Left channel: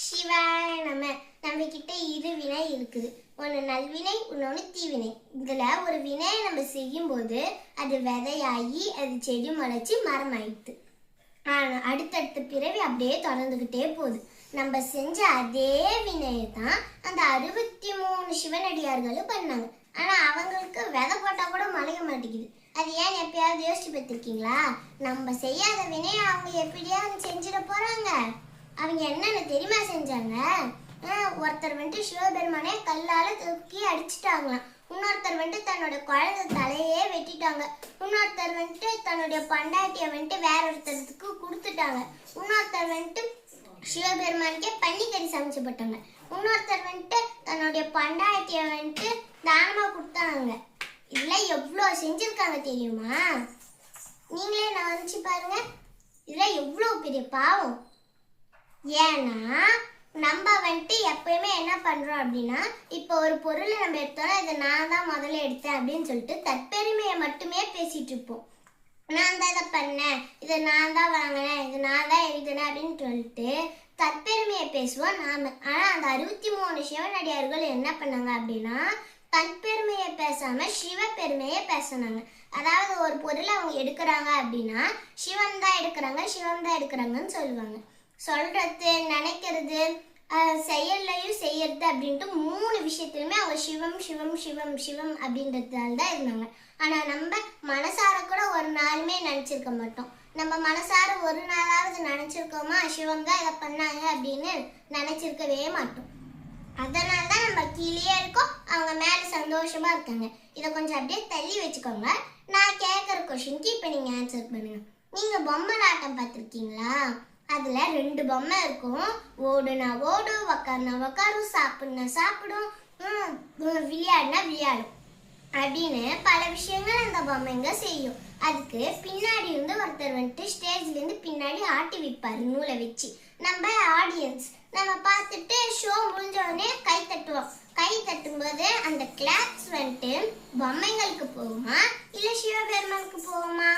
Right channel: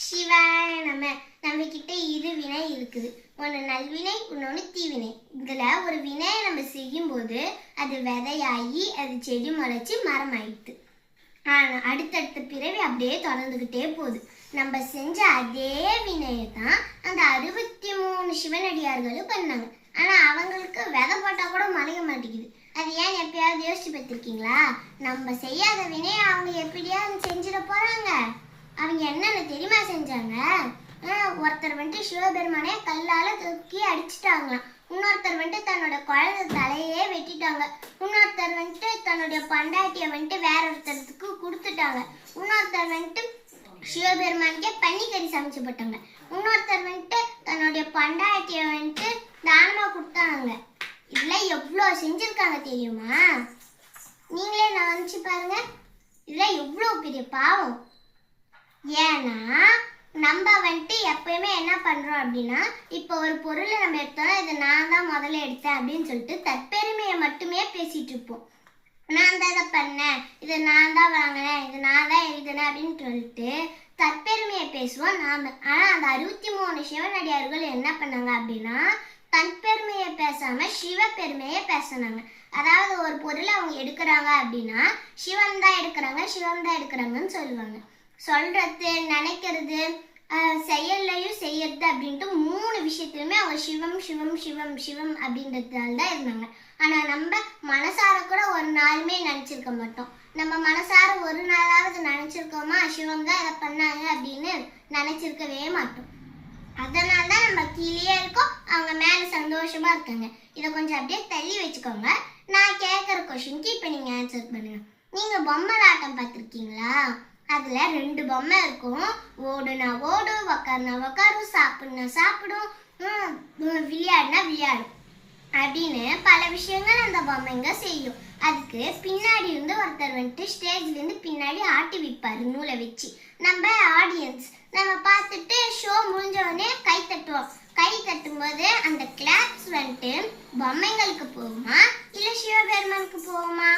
சிவாய நம்ம கிட்ட இரு வினை இருக்குது. ஒன்று நல்வினை, இன்னொன்று தீவினை. இதுல ஒரு வினையை நம்ம செய்யும் போது அது விதையாகி அது செடி முளைச்சி மரம் ஆயிடுது. ஆனால் அடுத்தடுத்த பிறவி அப்படியே தொடர்ந்துகிட்டே போகுது. நம்ம செஞ்ச அதே வினையை தான் அந்த 63 சிவனடியார்களும் பண்ணாங்க. ஆனா அவங்களுக்கு விதை போட்டா கூட முளைய மாட்டேங்குது. அது ஏன் எப்பயாவது யோசிச்சு பார்த்திருக்கீங்களா? நம்ம செய்யாத வினையை அவங்க எப்படியாவது செஞ்சிட போறாங்க. அவங்க என்னென்ன தெரியுமா செஞ்சாங்க? ஒருத்தர் வந்துட்டு சிவபெருமானே கல்லால தூக்கி அடிச்சுட்டாங்களாம். இன்னொருத்தர் வந்துட்டு தன்னோட குழந்தை தலையே வெட்டிட்டாங்க. இன்னொருத்தர் வந்துட்டு தன்னுடைய பண்டாட்டியை வந்துட்டு வேற ஒருத்தருக்கு கொடுத்துட்டாங்க. இன்னொருத்தர் வந்துட்டு சிவபெருமானுக்கே பன்னிக்கறி சமைச்சு போட்டாங்க. இன்னொருத்தர் வந்துட்டு தன்னுடைய பண்டாட்டியை வந்துட்டு தானமா கொடுத்தாங்க. இதெல்லாம் எவ்வளோ செஞ்சிருக்காங்க தெரியுமா? நீங்களே நான் நினைச்சு பாருங்க, இதெல்லாம் எவ்வளோ பெரிய பாவம். ஏன்னா நம்ம வந்துட்டு எப்பயுமே என்ன பண்றோம் அப்படின்னா, இப்போ ஒரு பொருளை நம்ம எடுத்தோம்னா இதை நான் தான் முதல்ல எடுத்தேன் அப்படின்னு சொல்லிட்டு தற்பெருமையை மட்டுமே பேசிட்டு இருப்போம். நான் தான் இதை பண்ணேன், இதை நான் தான் வாங்கினேன், இது நான் தான் எழுதினேன் அப்படின்னு சொல்லிட்டு தற்பெருமையை பேசுவோம் நாம. ஆனா அந்த 63 சிவனடியார்கள் என்ன பண்ணாங்க அப்படின்னா, தற்பெருமையை பேசாம சிவபெருமையை பேசினாங்க. அதாவது ஒரு பொருளை அவங்க எடுக்கிறாங்க அப்படின்னா சிவன் தான் எடுக்கிறாங்க, சிவன் தான் எடுக்கிறாங்கன்னு சொல்லுவாங்க. சொல்றது, நினைக்கிறது, செயல்லையும் செய்யறது அப்படின்ட்டு 3 விஷயத்துலையுமே அவங்க சிவம் சிவம் சிவம் சிவம் அப்படின்றதால தான் இருந்தாங்க. ஆனா நம்ம மனசார கூட ஒரு நாளுமே நினைச்சிருக்க மாட்டோம். நம்ம மனசார ஒரு நாளாவது நினைச்சிருக்கோமா சிவம் தான் இதை பண்ணாங்க அப்படின்னு நினைச்சிருக்கவே மாட்டோம். அதனால்தான் நம்ம கீழே இருக்கோம், அவங்க மேல சந்தோஷமா இருக்காங்க. இதை கொஞ்சம் அப்படியே தள்ளி வச்சுக்கோங்க. நான் கேட்குற கொஸ்டினுக்கு இப்போ நீங்க ஆன்சர் பண்ணுங்க. நீங்க பொம்மலாட்டம் பார்த்துருக்கீங்களா? அதுல 2 பொம்மை இருக்கும். ஓடுனா ஓடும், உக்காருனா உக்காரும், சாப்பிடுனா சாப்பிடும், விளையாடுனா விளையாடும் அப்படின்னு பல விஷயங்கள் அந்த பொம்மைங்க செய்யும். அதுக்கு பின்னாடி இருந்து ஒருத்தர் வந்துட்டு ஸ்டேஜ்ல இருந்து பின்னாடி ஆட்டி வைப்பாரு நூலை வச்சு. நம்ம ஆடியன்ஸ் நம்ம பார்த்துட்டு ஷோ முடிஞ்ச உடனே கை தட்டுவோம். கை தட்டும் போது அந்த கிளாப்ஸ் வந்துட்டு பொம்மைங்களுக்கு போகுமா இல்ல சிவபெருமானுக்கு போகுமா?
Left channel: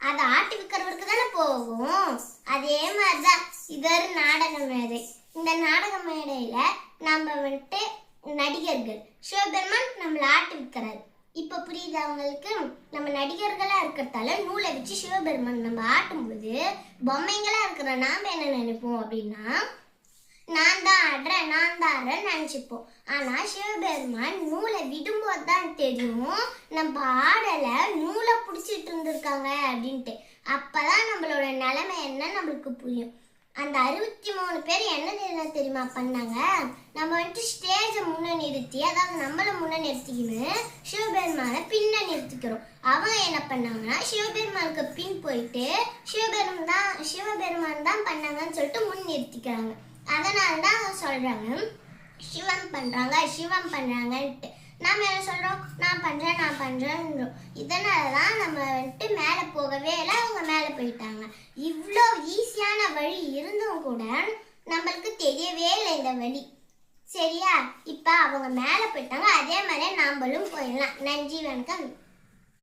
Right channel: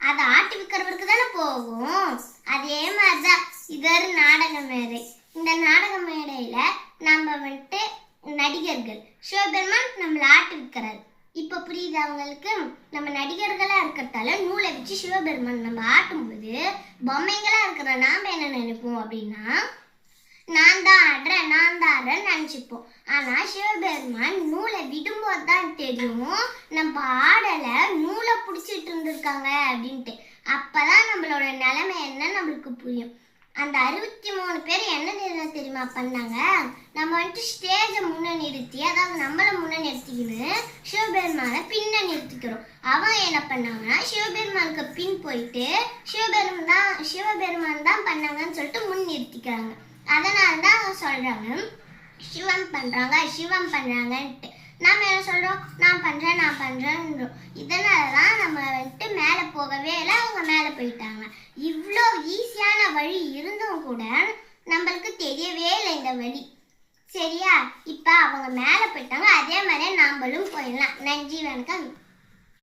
அதை ஆட்டி விற்கிறவருக்கு தானே போகும். அதே மாதிரிதான் இது ஒரு நாடக மேடை. இந்த நாடக மேடையில நம்ம வந்துட்டு நடிகர்கள், சிவபெருமான் நம்மளை ஆட்டி விற்கிறாரு. இப்ப புரியுது அவங்களுக்கு? நம்ம நடிகர்களா இருக்கிறதால நூலை வச்சு சிவபெருமான் நம்ம ஆட்டும் போது பொம்மைகளா இருக்கிற நாம என்ன நினைப்போம் அப்படின்னா, நான் தான் ஆடுறேன், நான் தான் ஆடுறேன்னு நினைச்சுப்போம். ஆனா சிவபெருமான் நூலை விடும்போது தான் தெரியும் நம்ம ஆடல, நூலை பிடிச்சிட்டு இருந்திருக்காங்க அப்படின்ட்டு. அப்பதான் நம்மளோட நிலைமை என்ன நம்மளுக்கு புரியும். அந்த 63 பேர் என்ன தெரியுமா பண்ணாங்க? நம்ம வந்துட்டு ஸ்டேஜை முன்ன நிறுத்தி, அதாவது நம்மளை முன்ன நிறுத்திக்கின்னு சிவபெருமான பின்ன நிறுத்திக்கிறோம். அவன் என்ன பண்ணாங்கன்னா சிவபெருமானுக்கு பின் போயிட்டு சிவபெருமான் தான் பண்ணாங்கன்னு சொல்லிட்டு முன் நிறுத்திக்கிறாங்க. அதனாலதான் அவங்க சொல்றாங்க சிவம் பண்றாங்க சிவம் பண்றாங்கன்ட்டு. நாம என்ன சொல்றோம்? நான் பண்றேன். இதனாலதான் நம்ம வந்துட்டு மேல போகவே இல்லை, அவங்க மேல போயிட்டாங்க. இவ்வளோ ஈஸியான வழி இருந்தும் கூட நம்மளுக்கு தெரியவே இல்லை இந்த வழி. சரியா? இப்ப அவங்க மேல போயிட்டாங்க, அதே மாதிரி நாமளும் போயிடலாம். நன்றி, வணக்கம்.